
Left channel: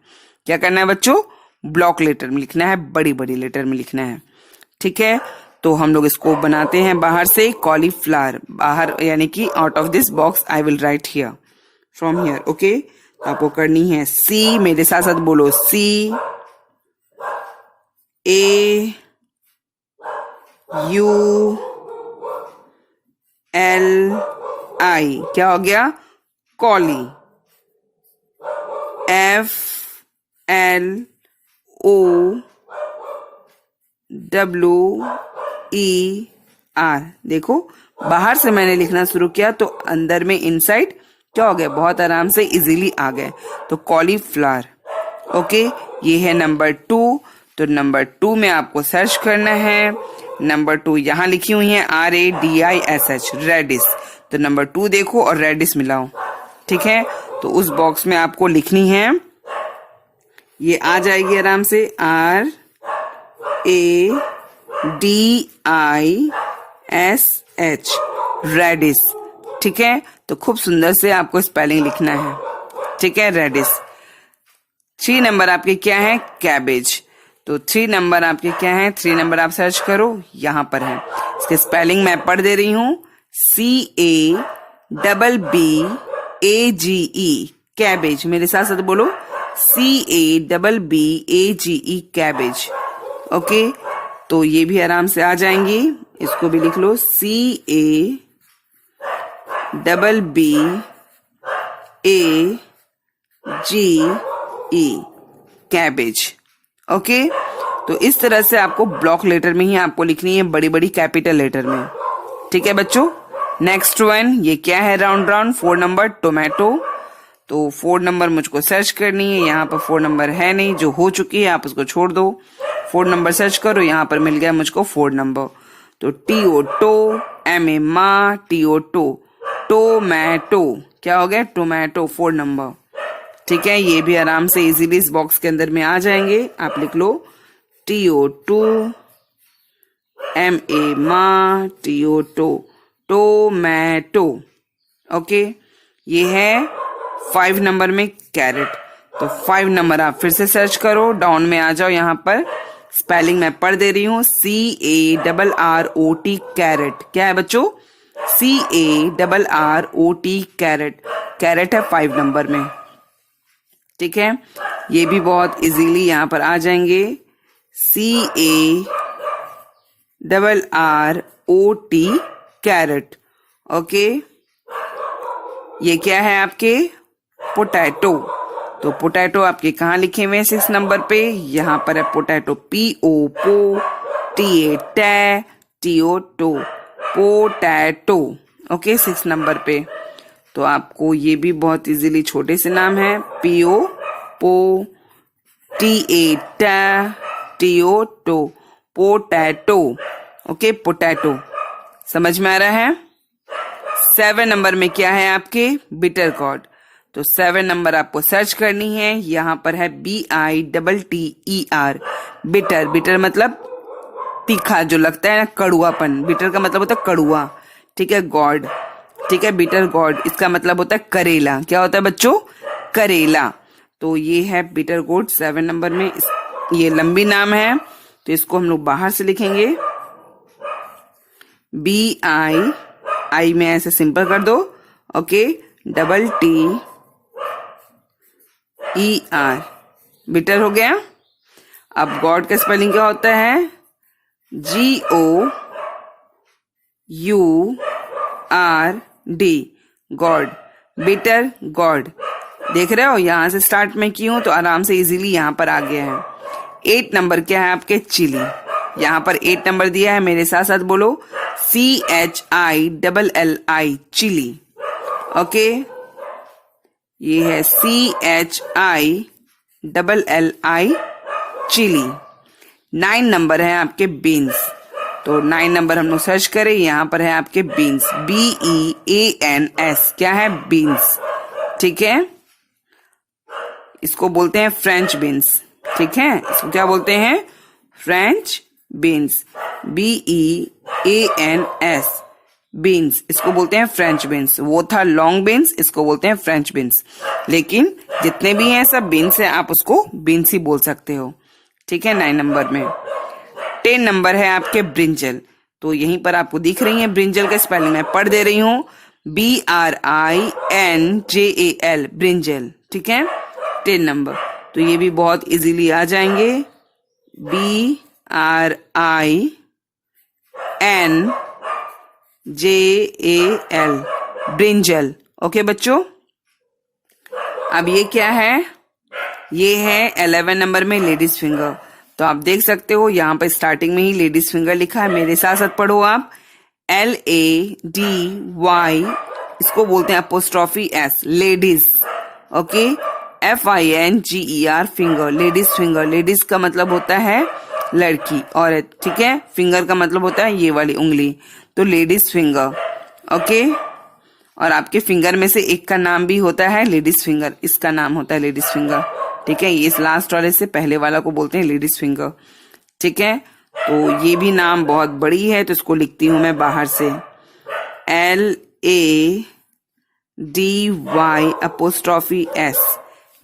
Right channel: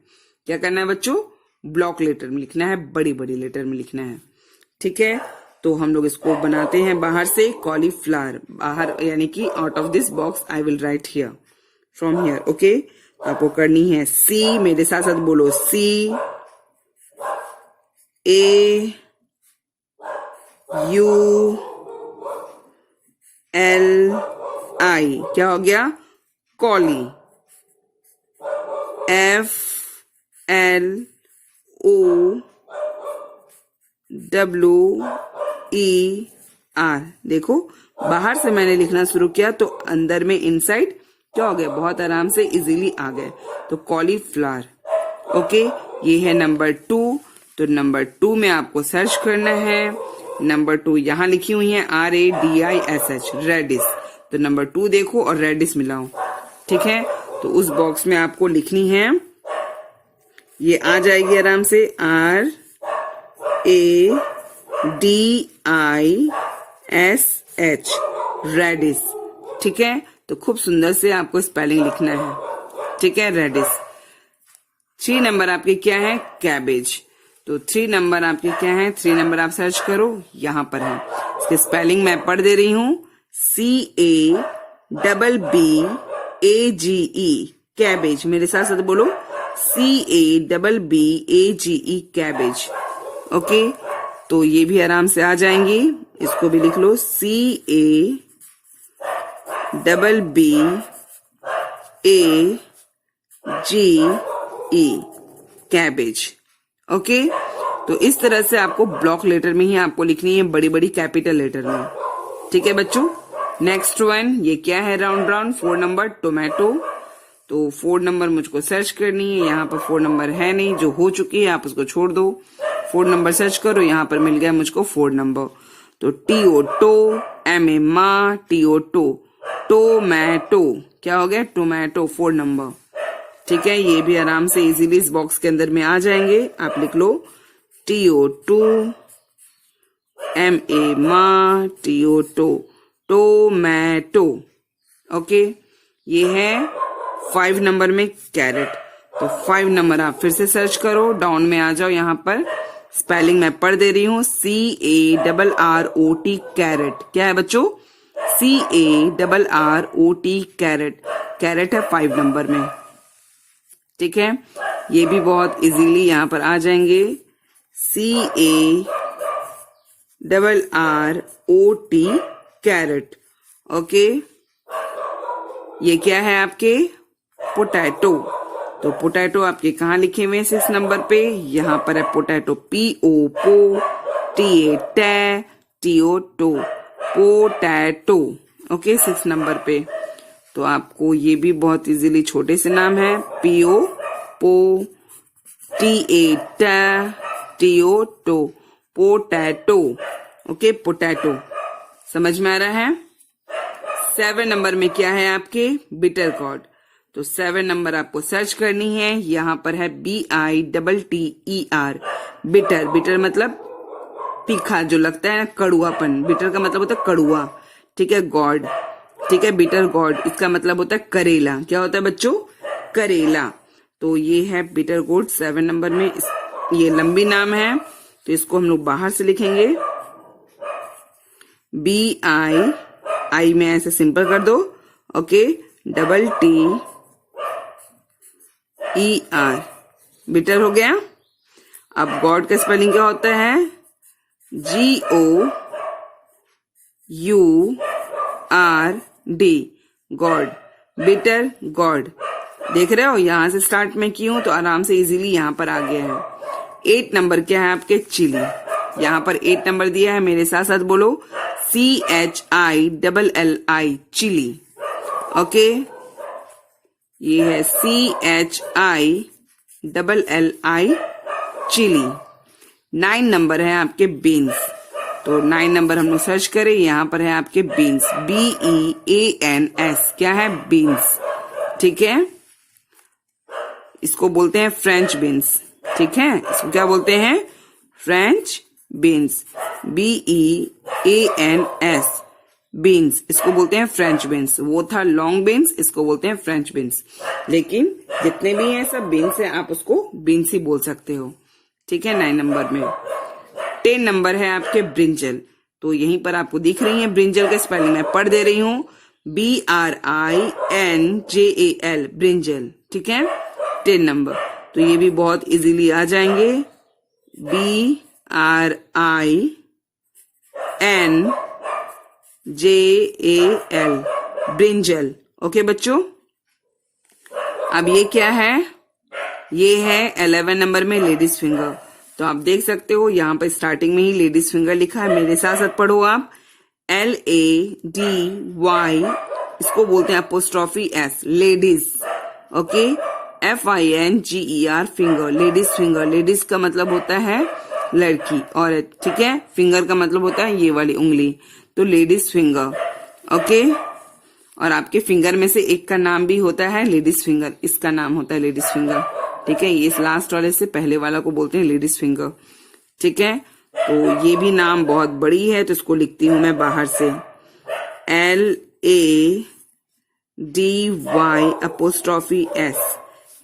क्या करना है बच्चों? ब्लॉक लेटर में लिखना है, बड़ी बड़ी लेटर में लिखना है। ठीक है, तो हम लोग इसको बनाते हैं बाहर से, कॉलीफ्लावर। बाहर यानी कि out of this box I will write here, from here. Okay, आपको करनी है C, मेरे साथ साथ बोलो, CAULI, क्या हो गया? कॉली। FLOWER। देखो, बाहर से मैंने लिखना शुरू किया तो अंदर में इनसाइड क्या हो गया? बहुत आराम से इजीली आ गए। तो कॉलीफ्लावर। ओके, ये है नंबर 2। तो नंबर 2 में आपको सर्च करना है। नंबर 2 यहां लिखी हुई है, RADISH, रेडिश। तो नंबर 2 देखो और रेडिश मिलाओ। ठीक है, तो उस बॉक्स में आपको लिखनी है, ये आ जाएगी आराम से, RADISH, रेडिश। ठीक है, तो खूब सुंदर से आपको स्पेलिंग लिखना है। ठीक है, रेडिश। 3 नंबर आपके क्या है? कैबेज। तो 3 नंबर आपके क्या है? 3 नंबर आप सर्च करो, यहां पर है। इसके स्पेलिंग मैं पढ़ दे रही हूं, CABBAGE, कैबेज। मेरे साथ साथ बोलो, CABBAGE, कैबेज। ओके, तो ये भी आराम से आ जाएंगी। इसको भी लिख लो, CABBAGE, कैबेज। ओके, तो इस तरह से आपको ब्लॉक लेटर में ही आपको लिखनी है, बड़ी बड़ी कैपिटल लेटर में। ठीक है बच्चों, नेक्स्ट वन, ये क्या है? Round round. 4 number, tomato. तो 4 नंबर मुझको सर्च करनी है, यहाँ पर 4 नंबर है नहीं, जो हो चुकी है आप उसको छोड़ दो। 4 नंबर सर्च करो, यहाँ पर मिल गया मुझको 4 नंबर। तो TO, MA, माँ, TO, टोमेटो। क्या हो गया? Tomato, 4 number. ठीक है, ये भी आराम से इजीली इस बॉक्स के अंदर में आ जाएंगे। आप लिख लो, TO, MA, माँ, TO, टोमेटो। ओके, ये है 5 नंबर में कैरेट। तो 5 नंबर आप फिर से सर्च करो, डाउन में आ जाओ। यहाँ पर स्पेलिंग मैं पढ़ दे रही हूँ, CARROT, कैरेट। क्या है बच्चों? CARROT, carat. कैरेट है 5 नंबर में। ठीक है, ये भी बहुत इजीली यहाँ पर आ जाएंगे, CARROT, कैरेट। ओके, ये क्या है आपके? पोटैटो। तो पोटैटो आपके कहाँ लिखे हुए हैं? 6 नंबर पे। यहाँ पर है potato, PO, TA, TO, potato. Okay, 6 number पे। तो आपको ये भी बहुत इजीली छोटे से नाम है, PO, TA, TO potato. Okay, potato. समझ में आ रहा है? 7 नंबर में क्या है आपके? Bitter gourd. तो 7 नंबर आपको सर्च करनी है। यहाँ पर है BITTER, बिटर। बिटर मतलब तीखा जो लगता है ना, कड़ुआपन। बिटर का मतलब होता है कड़ुआ। ठीक है, गॉड। ठीक है, बिटर गॉड इसका मतलब होता है करेला। क्या होता है बच्चों? करेला। तो ये है बिटर गॉड 7 नंबर में। ये लंबी नाम है तो इसको हम लोग बाहर से लिखेंगे। BI में ऐसे सिंपल कर दो। ओके, TTER, बिटर हो गया। अब गॉड का स्पेलिंग क्या होता है? GOURD, God. Bitter gourd. देख रहे हो, यहां से स्टार्ट में की हूं तो आराम से इजीली यहां पर आ गया है। 8 नंबर क्या है आपके? चिली। यहां पर 8 नंबर दिया है, मेरे साथ साथ बोलो CHILLI, चिली। ओके, ये है CHILLI, चिली। 9 नंबर है आपके बीन्स। तो 9 नंबर हम लोग सर्च करें, यहां पर है आपके बीन्स, BEANS। क्या है? बीन्स। ठीक है, इसको बोलते हैं फ्रेंच बीन्स। ठीक है, इसको क्या बोलते हैं? French beans, BEANS, beans. इसको बोलते हैं फ्रेंच बीन्स। वो था लॉन्ग बीन्स, इसको बोलते हैं फ्रेंच बीन्स। लेकिन जितने भी हैं सब बीन्स हैं, आप उसको बीन्स ही बोल सकते हो। ठीक है, 9 नंबर में। 10 नंबर है आपके ब्रिंजल। तो यहीं पर आपको दिख रही है ब्रिंजल का स्पेलिंग, मैं पढ़ दे रही हूँ, BRINJAL, ब्रिंजल। ठीक है, 10 नंबर। तो ये भी बहुत इजीली आ जाएंगे, BRINJAL, ब्रिंजल। ओके बच्चों, अब ये क्या है? ये है 11 नंबर में लेडीज फिंगर। तो आप देख सकते हो यहाँ पर स्टार्टिंग में ही लेडीज फिंगर लिखा है। मेरे साथ साथ पढ़ो आप, LADY, इसको बोलते हैं apostrophe S, ladies. Okay, FINGER, finger, ladies finger. Ladies का मतलब होता है लड़की, औरत। ठीक है, फिंगर का मतलब होता है ये वाली उंगली। तो लेडीज फिंगर। ओके, और आपके फिंगर में से एक का नाम भी होता है लेडीज फिंगर, इसका नाम होता है लेडीज फिंगर। ठीक है, ये इस लास्ट वाले से पहले वाला को बोलते हैं लेडीज फिंगर। ठीक है, तो ये भी नाम बहुत बड़ी है तो इसको लिखती हूं मैं बाहर से, LADY apostrophe S,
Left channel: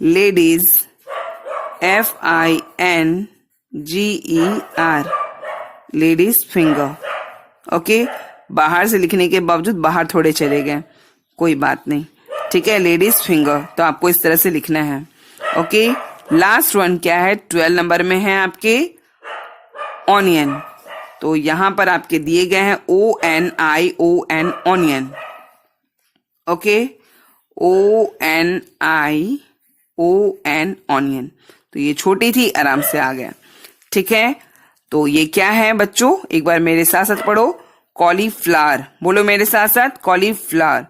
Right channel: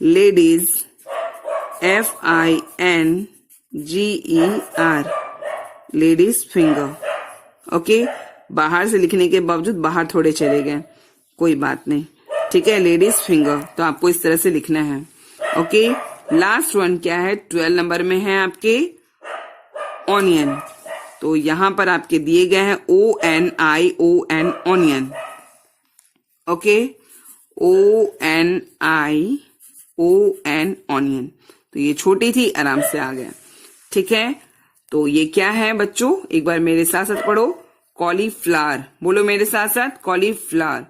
ladies, FINGER, ladies finger. Okay, बाहर से लिखने के बावजूद बाहर थोड़े चले गए, कोई बात नहीं। ठीक है, लेडीज फिंगर, तो आपको इस तरह से लिखना है। ओके, लास्ट वन क्या है? 12 नंबर में है आपके ऑनियन। तो यहां पर आपके दिए गए हैं ONION, onion. Okay, ONION, onion. तो ये छोटी थी, आराम से आ गया। ठीक है, तो ये क्या है बच्चों? एक बार मेरे साथ साथ पढ़ो, कॉलीफ्लावर। बोलो मेरे साथ साथ, कॉलीफ्लावर,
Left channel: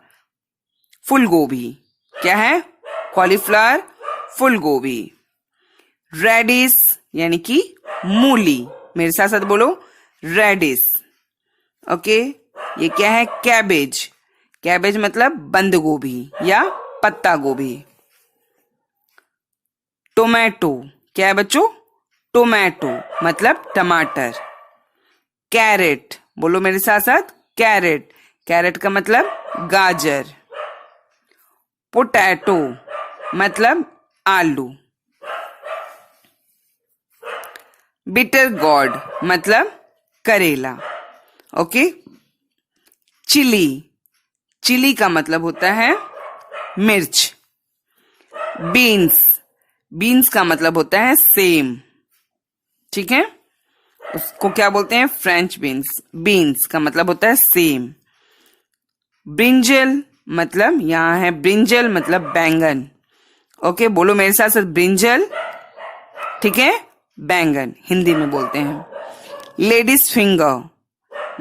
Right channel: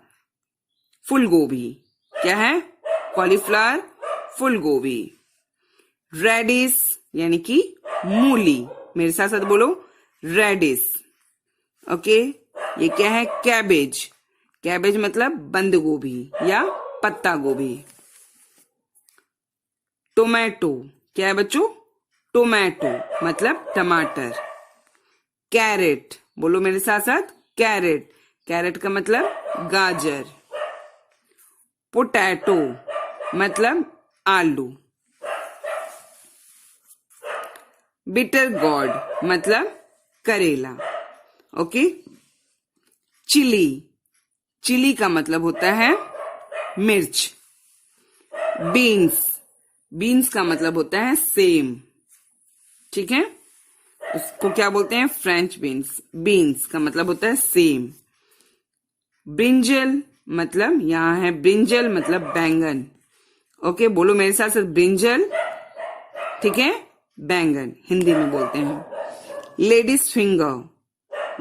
फूल गोभी। क्या है? कॉलीफ्लावर, फूल गोभी। रेडिश यानी कि मूली, मेरे साथ साथ बोलो, रेडिश। ओके, ये क्या है? कैबेज। कैबेज मतलब बंद गोभी या पत्ता गोभी। टोमेटो, क्या है बच्चों? टोमेटो मतलब टमाटर। कैरेट, बोलो मेरे साथ साथ, कैरेट। कैरेट का मतलब गाजर। पोटैटो मतलब आलू। बिटर गॉर्ड मतलब करेला। ओके, चिली, चिली का मतलब होता है मिर्च। बीन्स, बीन्स का मतलब होता है सेम। ठीक है, उसको क्या बोलते हैं? French beans. बीन्स का मतलब होता है सेम। ब्रिंजल मतलब, यहां है ब्रिंजल मतलब बैंगन। ओके, बोलो मेरे साथ साथ, ब्रिंजल। ठीक है, बैंगन हिंदी में बोलते हैं। लेडीज फिंगर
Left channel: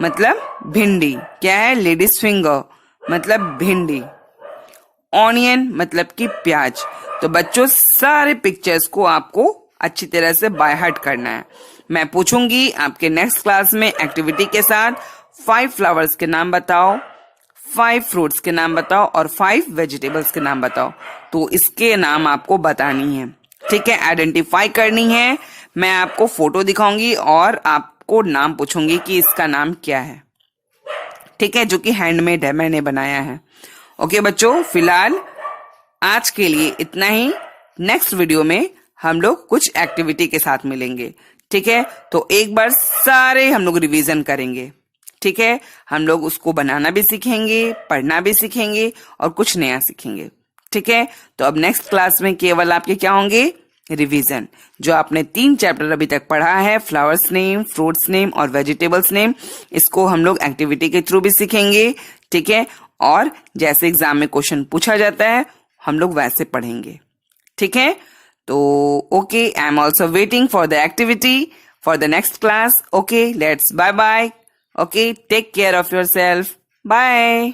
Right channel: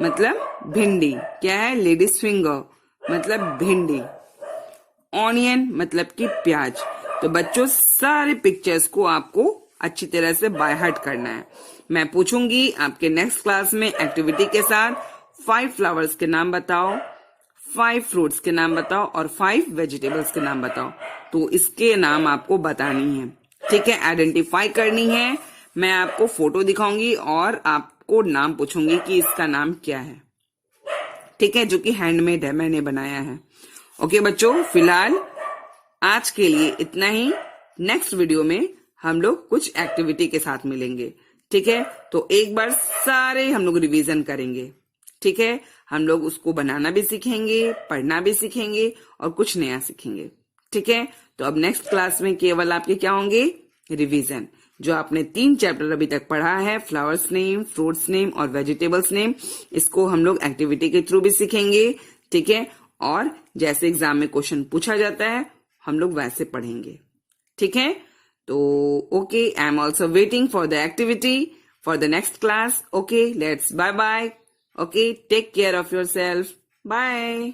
मतलब भिंडी। क्या है? लेडीज फिंगर मतलब भिंडी। ऑनियन मतलब कि प्याज। तो बच्चों सारे पिक्चर्स को आपको अच्छी तरह से बाय हार्ट करना है। मैं पूछूंगी आपके नेक्स्ट क्लास में एक्टिविटी के साथ 5 फ्लावर्स के नाम बताओ, 5 फ्रूट्स के नाम बताओ और 5 वेजिटेबल्स के नाम बताओ। तो इसके नाम आपको बतानी है, ठीक है, आइडेंटिफाई करनी है। मैं आपको फोटो दिखाऊंगी और आपको नाम पूछूंगी कि इसका नाम क्या है, ठीक है, जो कि हैंडमेड है, मैंने बनाया है। ओके बच्चों, फिलहाल आज के लिए इतना ही। नेक्स्ट वीडियो में हम लोग कुछ एक्टिविटी के साथ मिलेंगे, ठीक है। तो एक बार सारे हम लोग रिवीजन करेंगे, ठीक है। हम लोग उसको बनाना भी सीखेंगे, पढ़ना भी सीखेंगे और कुछ नया सीखेंगे, ठीक है। तो अब नेक्स्ट क्लास में केवल आपके क्या होंगे, रिवीजन। जो आपने 3 चैप्टर अभी तक पढ़ा है, फ्लावर्स नेम, फ्रूट्स नेम और वेजिटेबल्स नेम, इसको हम लोग एक्टिविटी के थ्रू भी सीखेंगे, ठीक है। और जैसे एग्जाम में क्वेश्चन पूछा जाता है हम लोग वैसे पढ़ेंगे, ठीक है। तो okay, I am also waiting for the activity for the next class. Okay, let's bye bye. Okay, take care of your self, bye.